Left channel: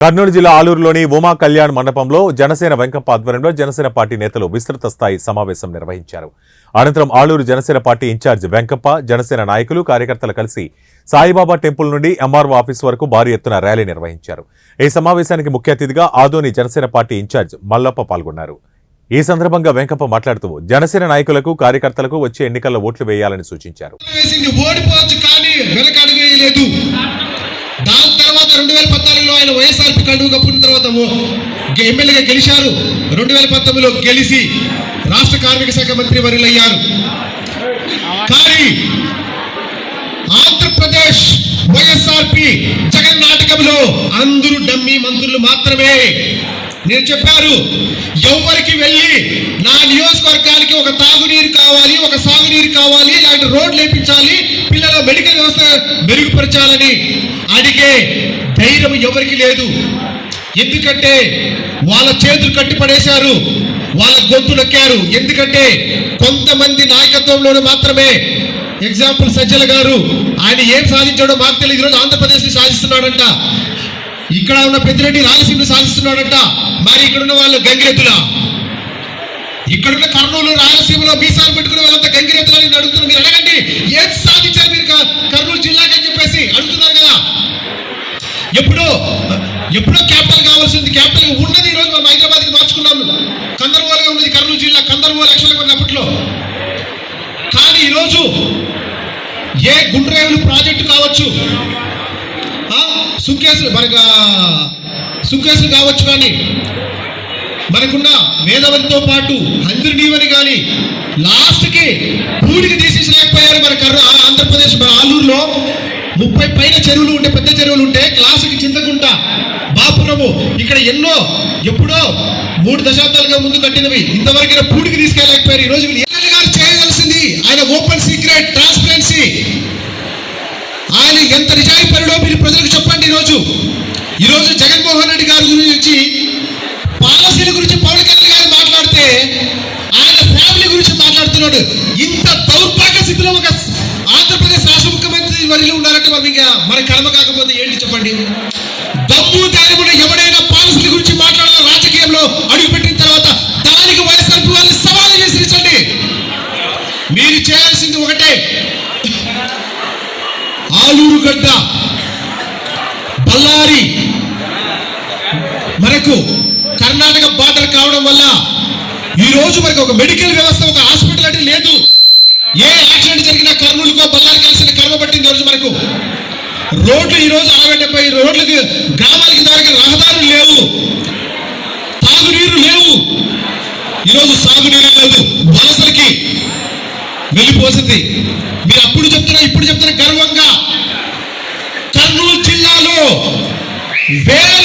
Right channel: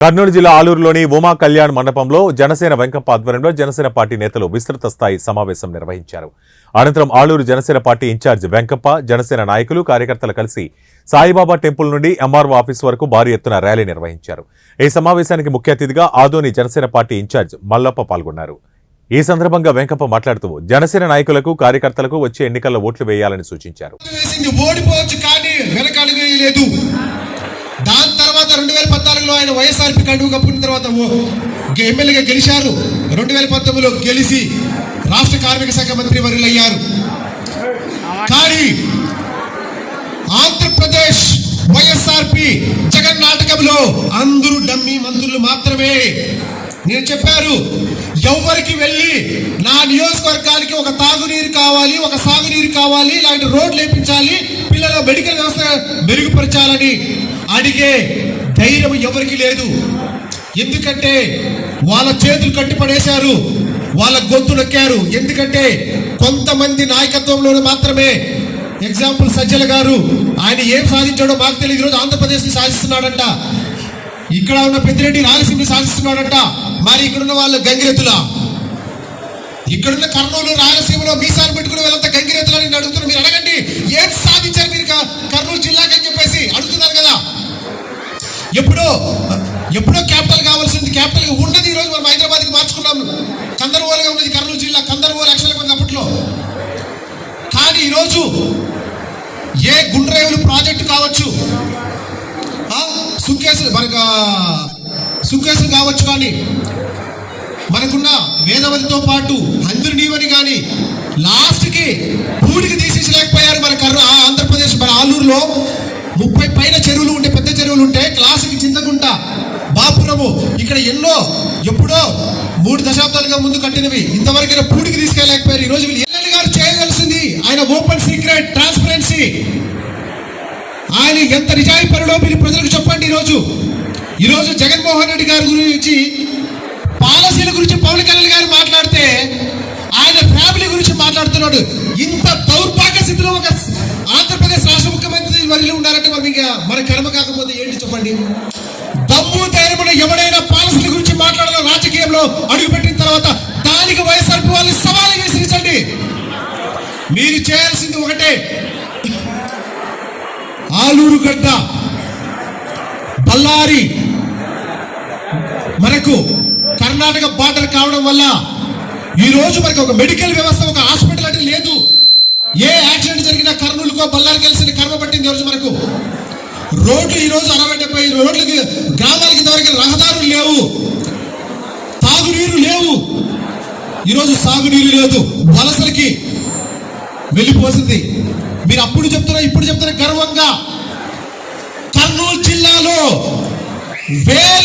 కర్నూలు జిల్లా ఆలూరులోని ఉమా కళ్యాణ్ మండపంలో జనసేన వెంకప్ప ఆధ్వర్యంలో జనసేన పార్టీ నేతలు విస్తృత స్థాయి సమావేశం నిర్వహించారు. అనంతరం ఆలూరు జనసేన పార్టీ ఇన్ఛార్జ్ వెంకప్ప, జనసేన నాయకులు, కార్యకర్తలు కలిసి సాయిబాబా టెంపుల్ నుండి ఎంఆర్ఓ ఆఫీస్ వరకు భారీ ఎత్తున ర్యాలీ నిర్వహించారు. ఈ సమావేశానికి ముఖ్య అతిథిగా ఆదోని జనసేన పార్టీ ఇన్ఛార్జ్ మల్లప్ప పాల్గొన్నారు. ఈ సందర్భంగా వెంకప్ప మాట్లాడుతూ జనసేన నాయకులకు, కార్యకర్తలకు వచ్చే ఎన్నికల్లో ఓట్లు వేయాలని సూచించారు. దాని తర్వాత 2014లో ఆయన వైఎస్ఆర్పీ కండువ కప్పుకున్న తర్వాత ఎమ్మెల్యేగా గెలిచారు. 2019లో గెలిచి రాష్ట్ర కార్మిక శాఖ మంత్రి వర్యులయ్యారు. కానీ ఆంధ్రప్రదేశ్ వైఎస్ఆర్పీ జగన్ నాటకంలో అందరూ డమ్మీ మంత్రులు మాత్రమే. నేను చెప్పారు, ఎవరికి వెళ్ళి నా నియోజకవర్గానికి ఒక తాగునీరు కావాలి, ఒక సాగునీరు కావాలి, ఇలాంటి రోడ్లు వేయించాలి, పిల్లల మెడికల్ వ్యవస్థ మెరుగుపరచాలని అడిగే ధైర్యం ఎవరికి లేదు. ఎందుకంటే వాళ్ళ చేతులు కట్టిపడేశారు, వాళ్ళ గొంతు నొక్కారు. ఎందుకంటే కొంతమంది నాయకత్వంలోనే మాత్రమే. ఎగ్జాంపుల్ సజ్జల గారు, ఆయన ఏం సాధించాడో మాకు తెలియదు. ఈరోజు ఆంధ్రప్రదేశ్ని సాధిస్తున్నాడంట, ఇక్కడ ఉన్న పెద్దిరెడ్డి రాయలసీమని సాధిస్తున్నాడంట. మరి ఇక్కడున్న వాళ్ళు గంగిరెద్దులా? ఇక్కడున్న కర్నూలు, రాయలసీమలో మీసాలు పెట్టుకుని వాళ్ళంతా గంగిరెద్దులని నేను అడుగుతున్నా. మీరు అడగండి, ఏం సాధించారు మీరు కర్నూలు జిల్లాకి అని చెప్పేసి అడుగుతున్నారు కదా. ఎప్పుడో క్యాపిటల్ కావాల్సింది, క్యాపిటల్ ఉన్నది. ఈరోజు మనం హైదరాబాద్కి మార్చుకున్నాము. కందర్వాలుగా ఉన్నది కర్నూలు జిల్లా, కందర్వాలు యాక్చువల్గా ఉన్నది అప్పట్లో. కానీ ఈరోజు ఏ గుండ్రేవులు ప్రాజెక్టు కావచ్చు, సుంకేసులు కావచ్చు, కానీ మనకున్న వేదవతితో పాటు హంద్రునీవని కానీ లాస్ట్కి పూడికి తీసేసలేకపోయారు. మన ఆంధ్రప్రదేశ్, మన ఆలూరులో 30 పైన చెరువులు ఉంటే, పెద్ద చెరువులు ఉంటే, క్లాసుకి చింతకుంట, బాపురము, ఇక్కడ ఎప్పుడో 3 దశాబ్దాలుగా ముందు కట్టినవి ఇంతవరకు పూడికి తీసుకెళ్ళలేకపోయారు. ఈరోజు ఎమ్మెల్యే గారు చేయవలసింది, ఆయన ఓపెన్ సీక్రెట్ ట్రాన్స్పరెన్సీ, ఆయన ఎంత నిజాయిపరుడో మీరు ప్రజలకు చెప్పండి. ఈరోజు జగన్మోహన్ రెడ్డి గారి గురించి, పాలసీల గురించి పవన్ కళ్యాణ్ గారు మాట్లాడితే ఆయన ఫ్యామిలీ గురించి మాట్లాడుతున్నాడు. ఇంత దౌర్భాగ్య స్థితిలో ఒక ఆంధ్రప్రదేశ్ రాష్ట్ర ముఖ్యమంత్రి వర్యులు ఉండాలంటే మన కర్మ కాకపోతే ఏంటి చెప్పండి? దమ్ము ధైర్యమున ఎవడైనా పాలసీల గురించి మాట్లాడాలి రాజకీయంలో అడుగుపెట్టిన తర్వాత దానికి వైఎస్ఆర్పీ వాళ్ళు సవాలు చేసించండి. మీరు చేయాల్సింది ఒకటే, ఆలూరుగడ్డ, బళ్ళారి మనకు కర్ణాటక బార్డర్ కావడం వల్ల ఈరోజు మనకు ఒక మెడికల్ వ్యవస్థ, ఒక హాస్పిటల్ అంటే లేదు. ఏ యాక్సిడెంట్ జరిగినా కర్నూలుకో బళ్ళారి కలిసిన కర్మ పట్టింది. ఈరోజు మనకు రోడ్లు ఈరోజు 60-70 రోడ్లకి, గ్రామాలకి ఇంతవరకు రహదారులు లేవు, తాగునీరు లేవు. ఈరోజు సాగునీరు లేదు, వలసలకి వెళ్ళిపోతుంది. మీరు అప్పుడు చెప్తున్నా, ఇప్పుడు చెప్తున్నా గర్వంగా, కర్నూలు జిల్లాలో వేల